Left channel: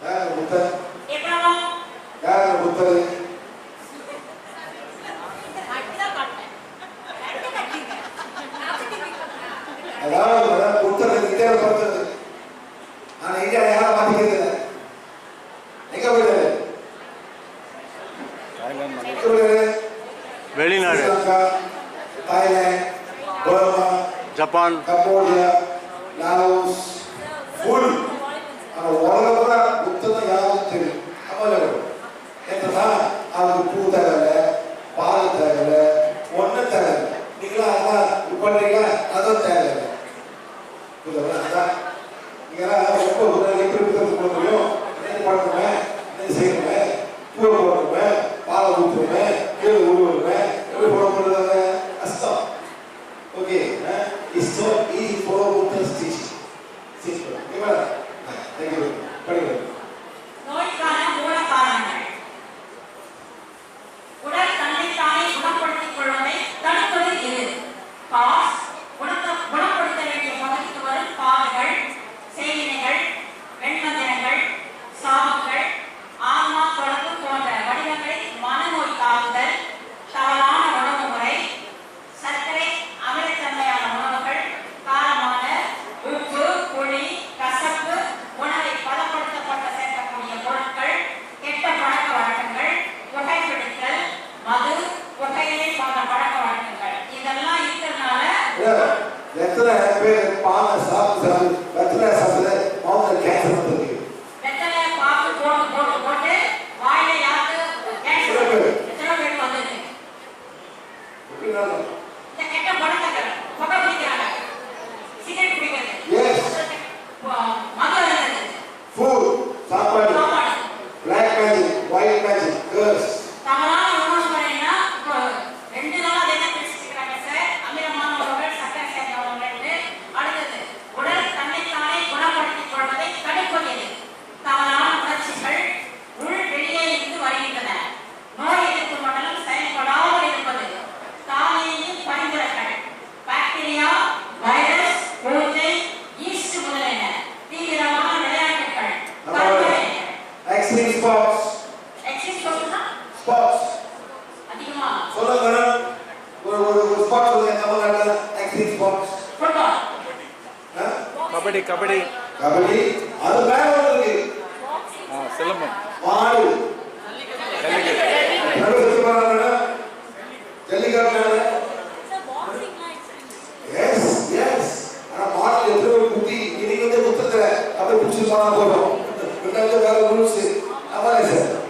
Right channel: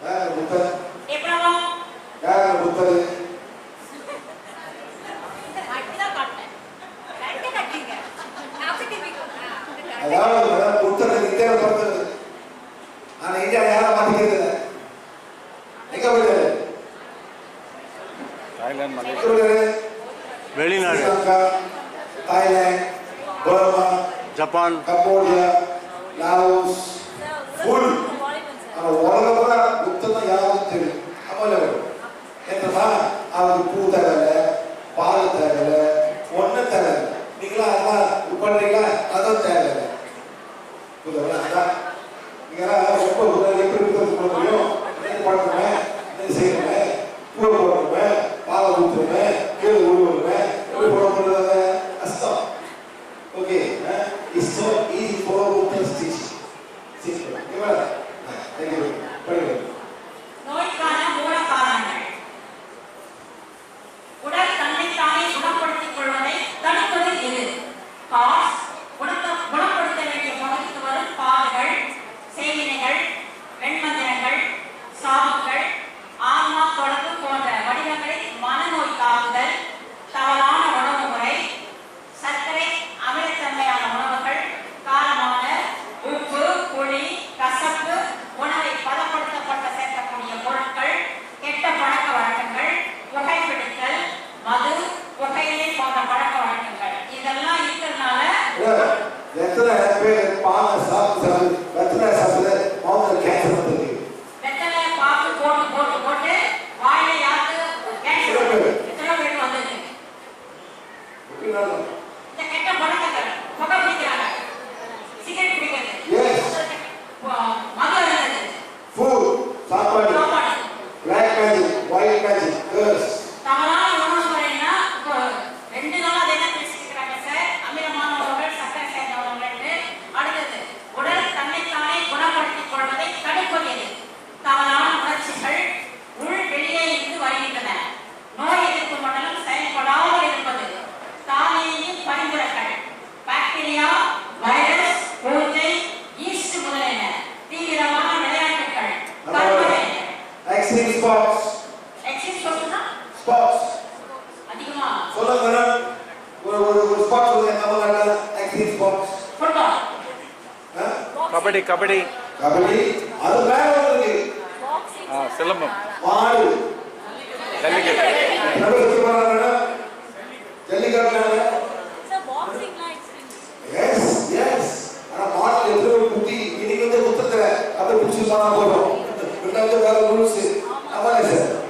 யார் முத்தர யார் முத்தரது அதாவது புத்தர் இந்தியாவை பிறந்தது ஆனா இந்தியாவை யாரும் மாட்டிக்கிறது எங்க போயிடுது வெளிநாடு. Thailand Burma Japan. Cambodia Laos full మన ఓడలో కూడా ఉత్తమ యావత్తు అమలవు என்னன்னா அவருக்கு பூ தகவல பால் தகவல ஒன்று தகவல நீங்களா அதான் பண்ணுறீங்களா அதான். 啊不好意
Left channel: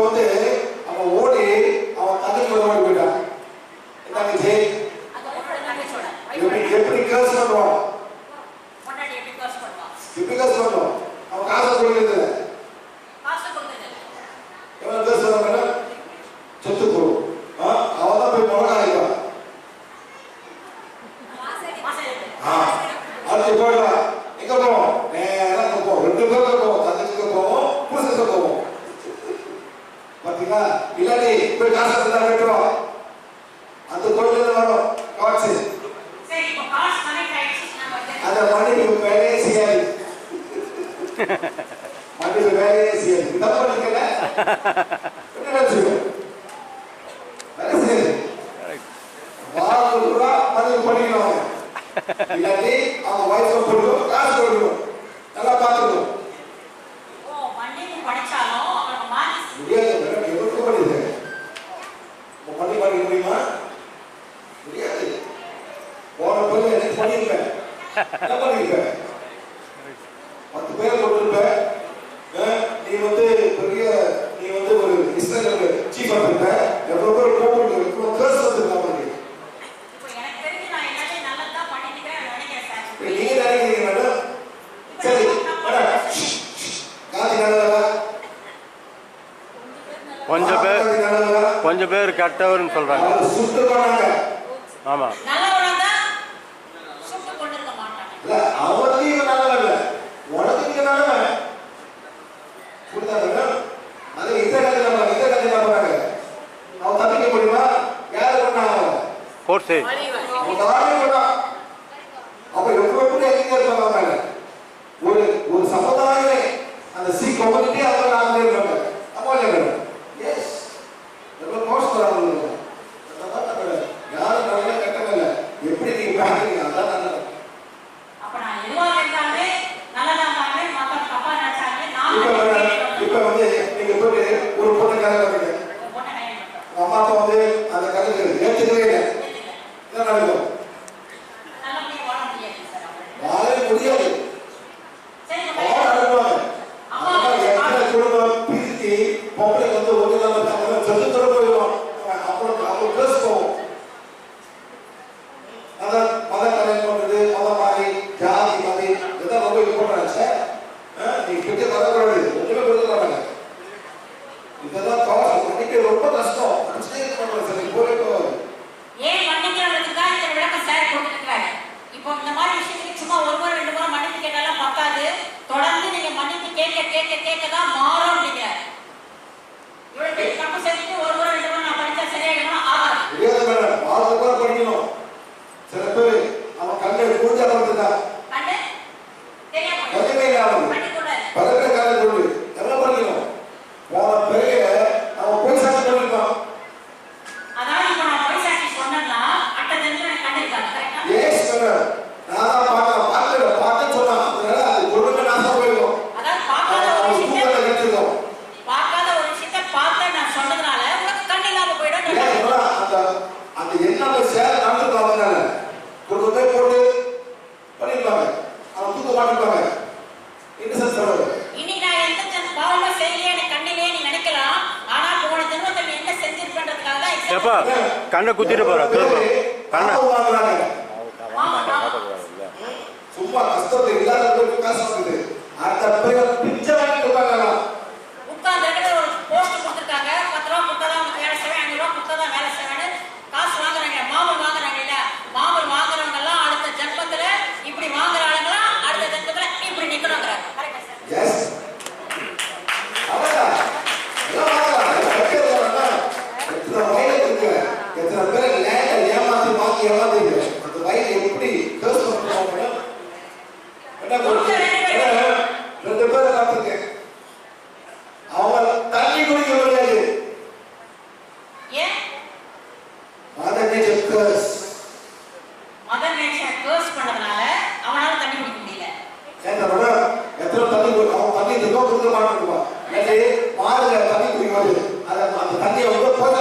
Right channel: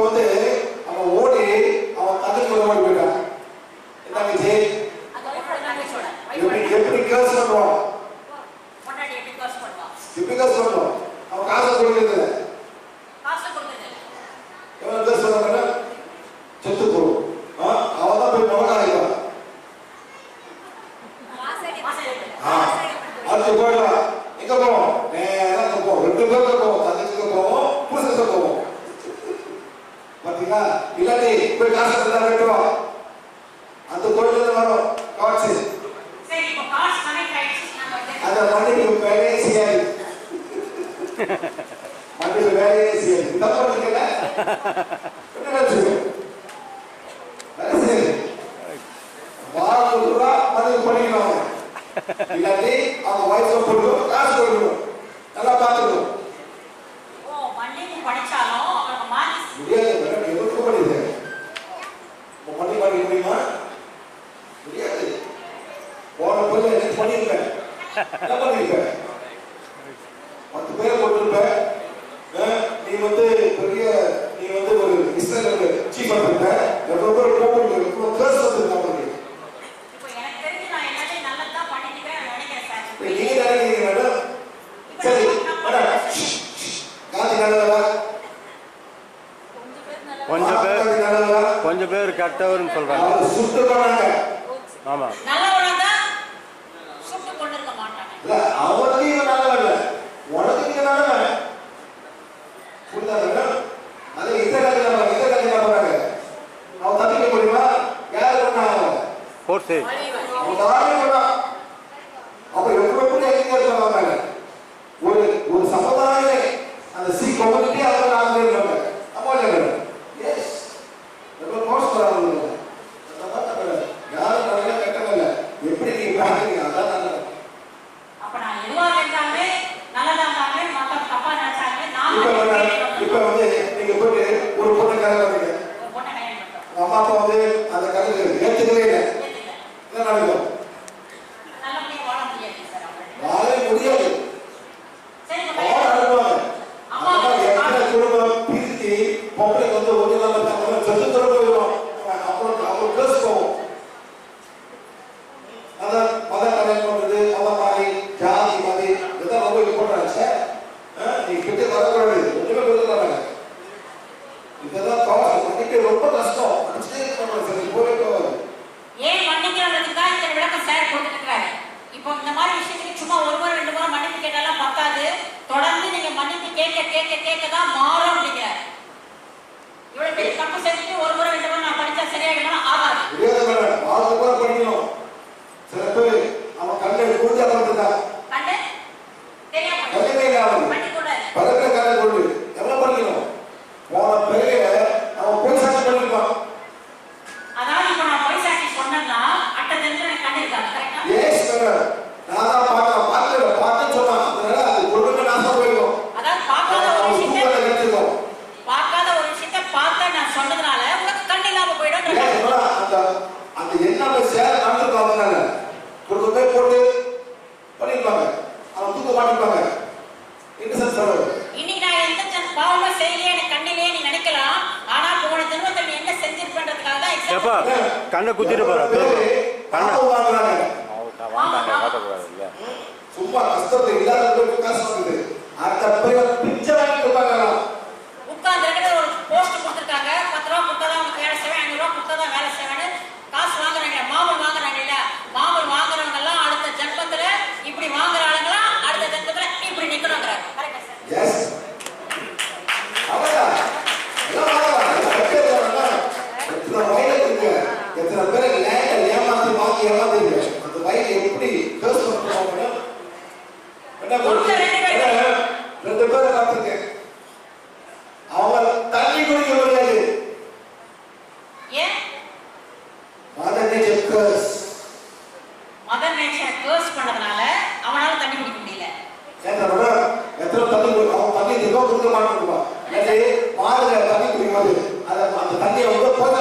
Cuando சரி. அப்ப எப்படி எப்படி ஒரு ஒரு சமுதாயம் அந்த சி கம்யூனிட்டி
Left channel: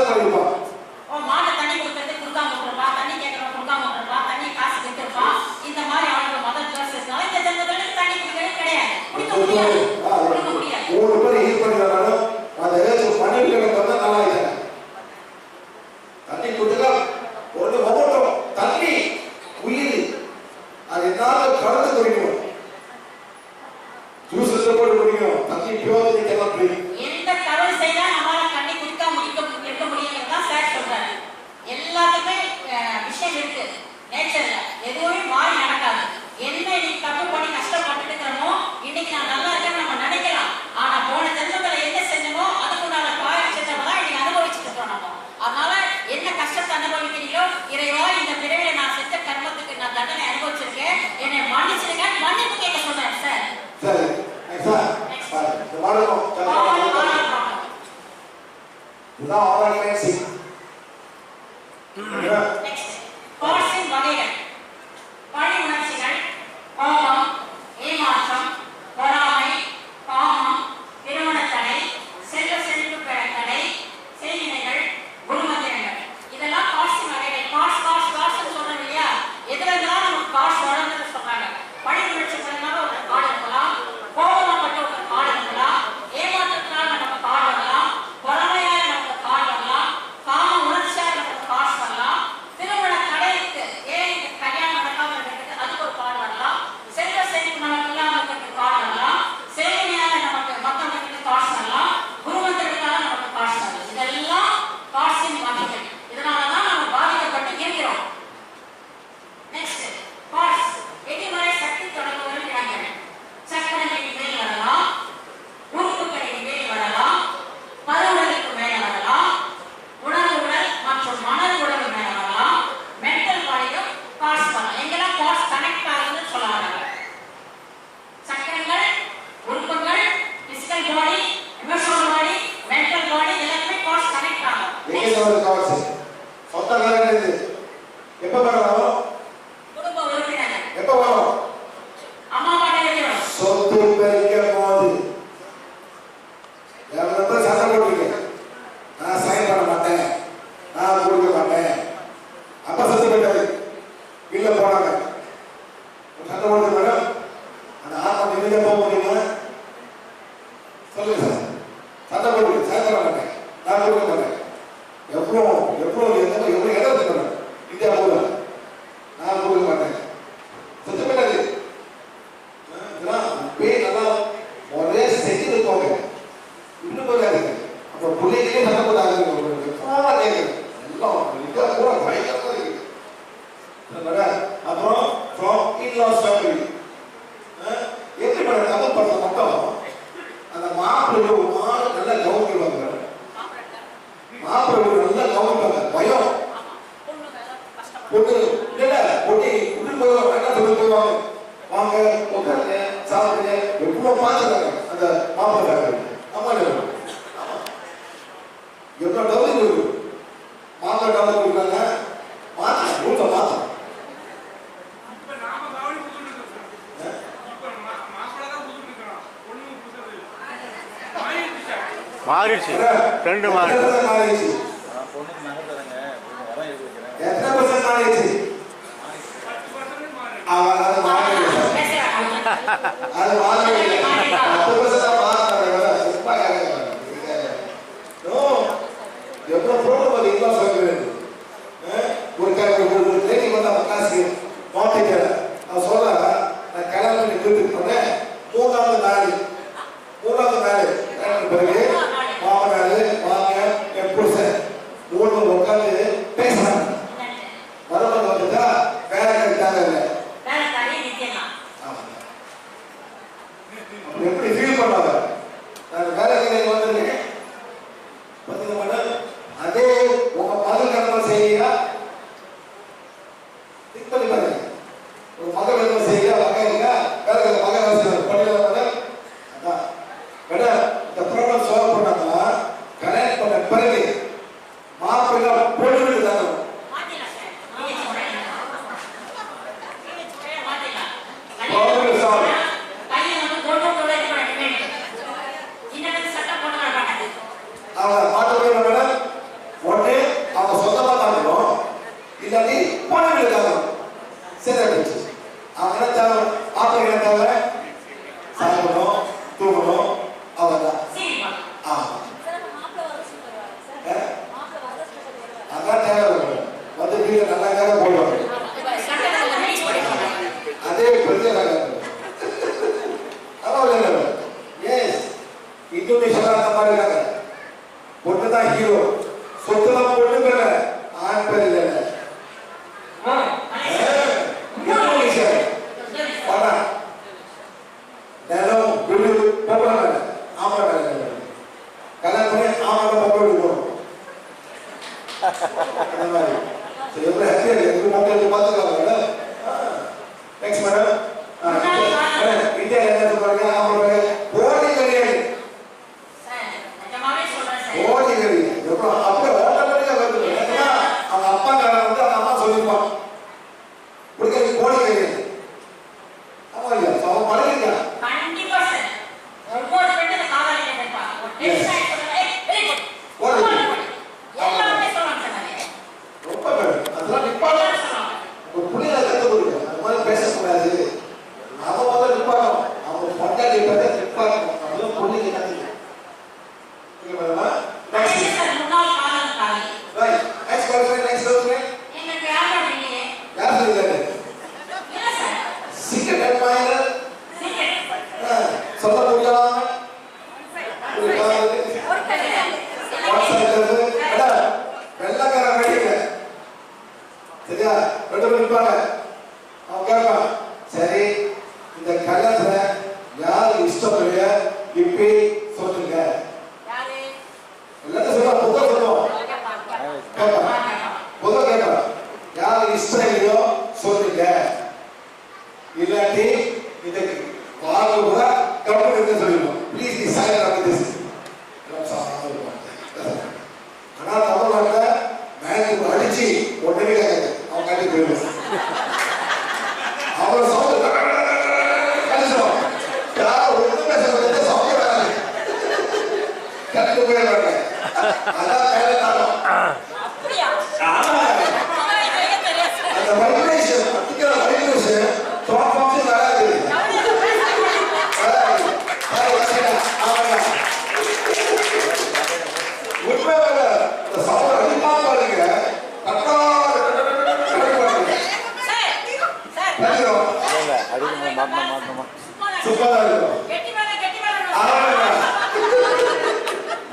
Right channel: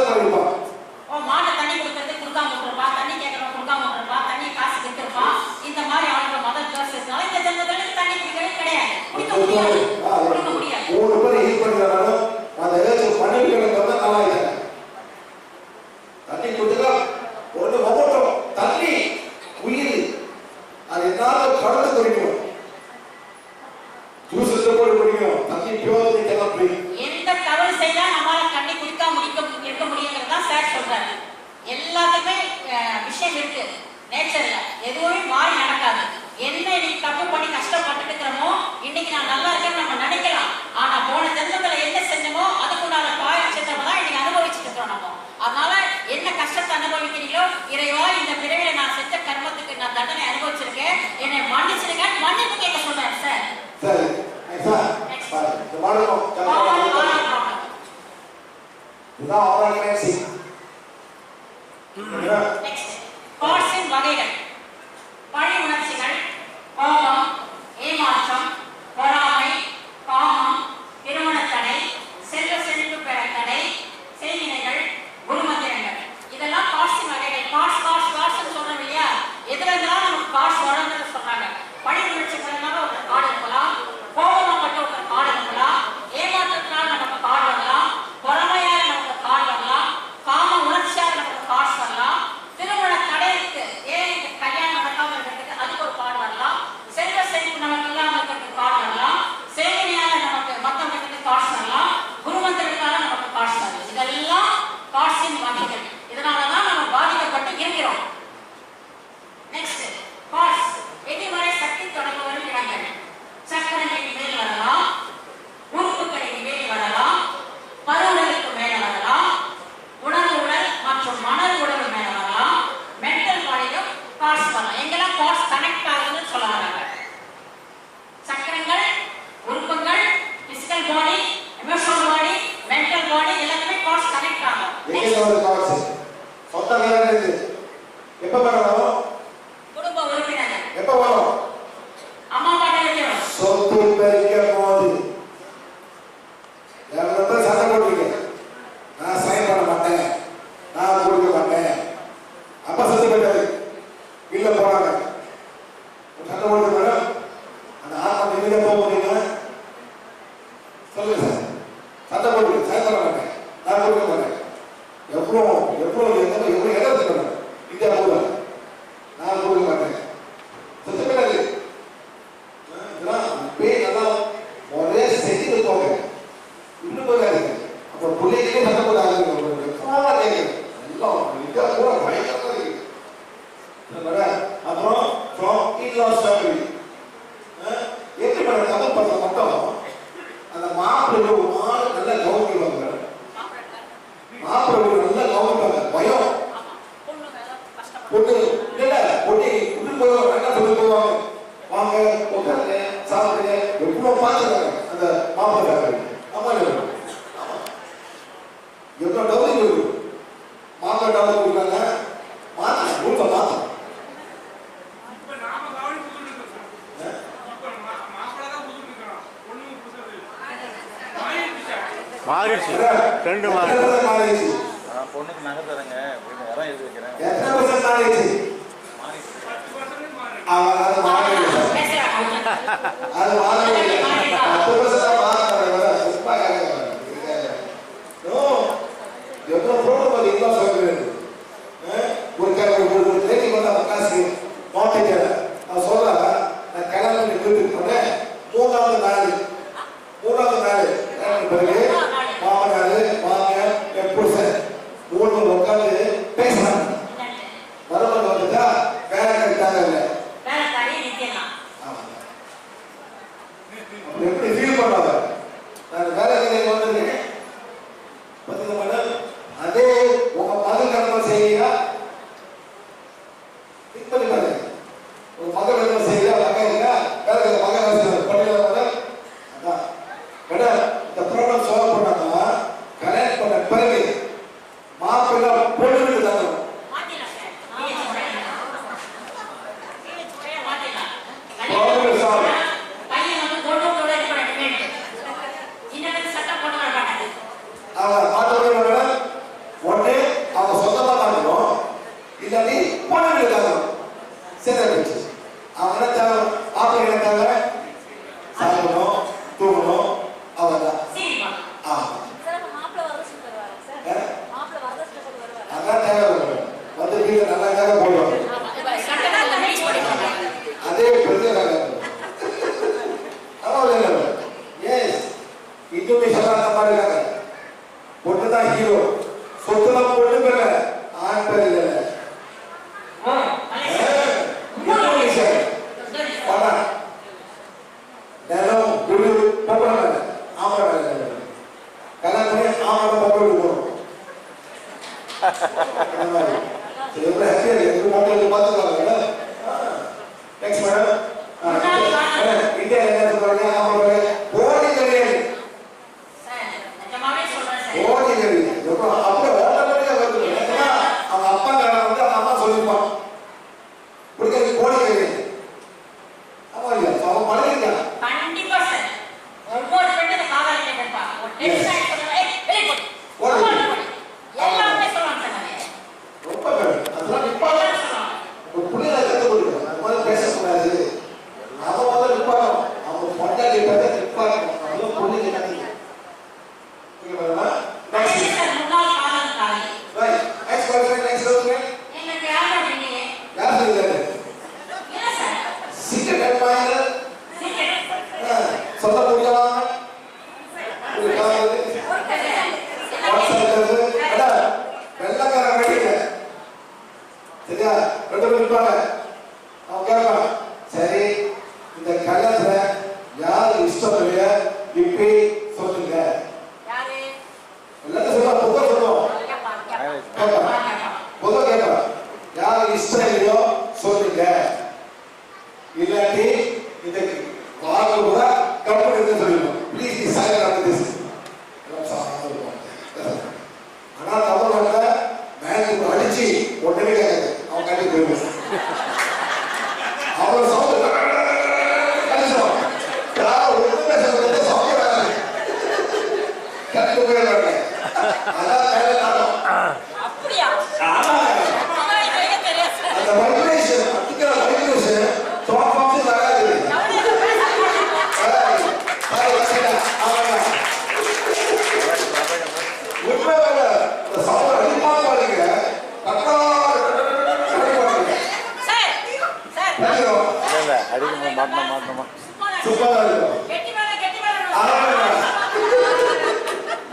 தருவா ஓ மாட தண்ணி கொடுத்தது கொடுக்காம விட்டுருப்பா தண்ணி கேட்கறோம் கொடுக்காம விட்டுருப்பா தண்ணி காசு கொடுத்துருப்பா. இந்த மாதிரி அவனோட மதர் ஜோசஸ்னால இந்த ஜென்மத்துல தண்ணி குடிக்கிறது கிடையாது. பேர் ஹீல் இறைவா இந்த பிறவில நான் செத்த கர்மத்துக்கு நான் தண்டனை அனுபவிச்சிருக்கேன். என்னை மன்னிச்சிருங்க. மன்னிப்பு கேட்க சொல்றேன் சார். இதுதான் நெக்ஸ்ட் காட்ஸின் வகைகள். பழி உணர்ச்சிகள் Abraham, Abraham, Abraham, Abraham, Abraham, Abraham, Abraham, Abraham, Abraham, எத்தனை பர்சன்ட் அது மாதிரி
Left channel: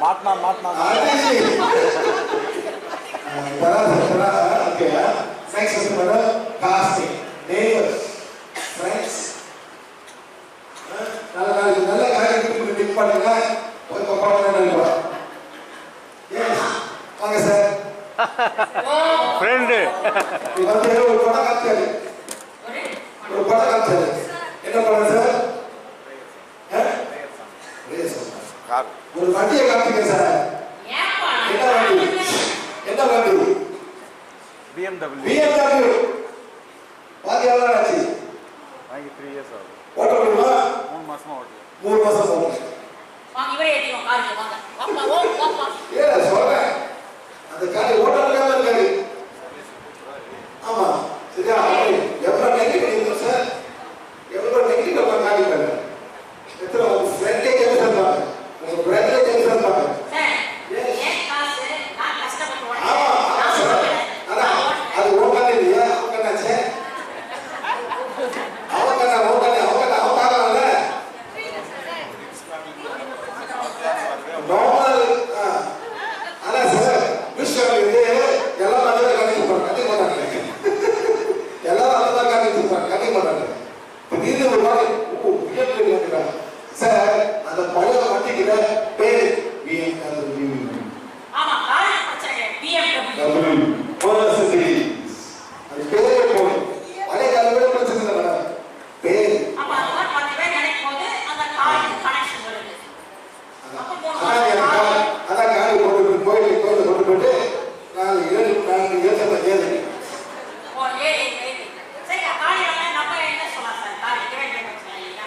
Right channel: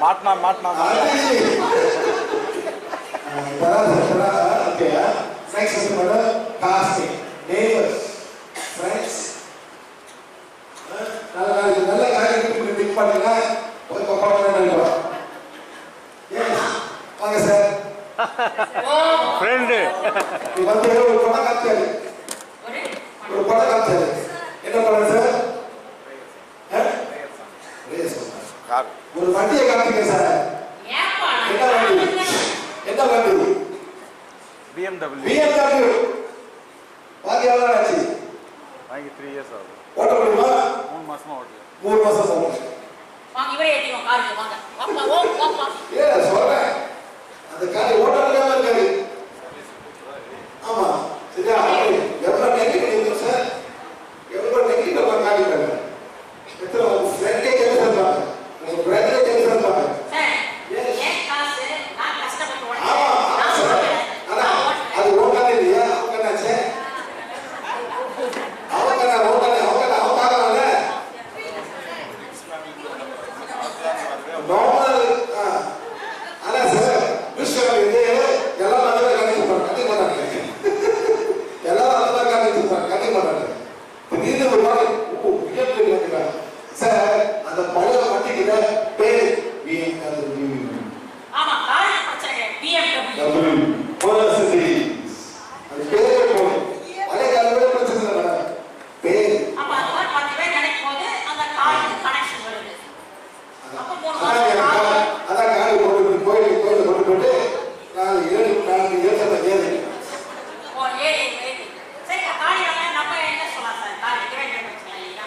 மாட்டினா மாட்டினா Next is the casting. Neighbors, friends. நல்ல நாள் நல்ல காரியத்துக்கு டிக் பண்ணுங்க ஒரு கொப்பான நண்பா எஸ் வாங்க சார் ஃப்ரெண்ட் இது வந்து சத்திய காத்துங்க சார்.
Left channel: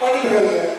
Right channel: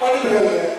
빨리 들어가요.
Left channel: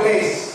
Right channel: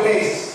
inglês.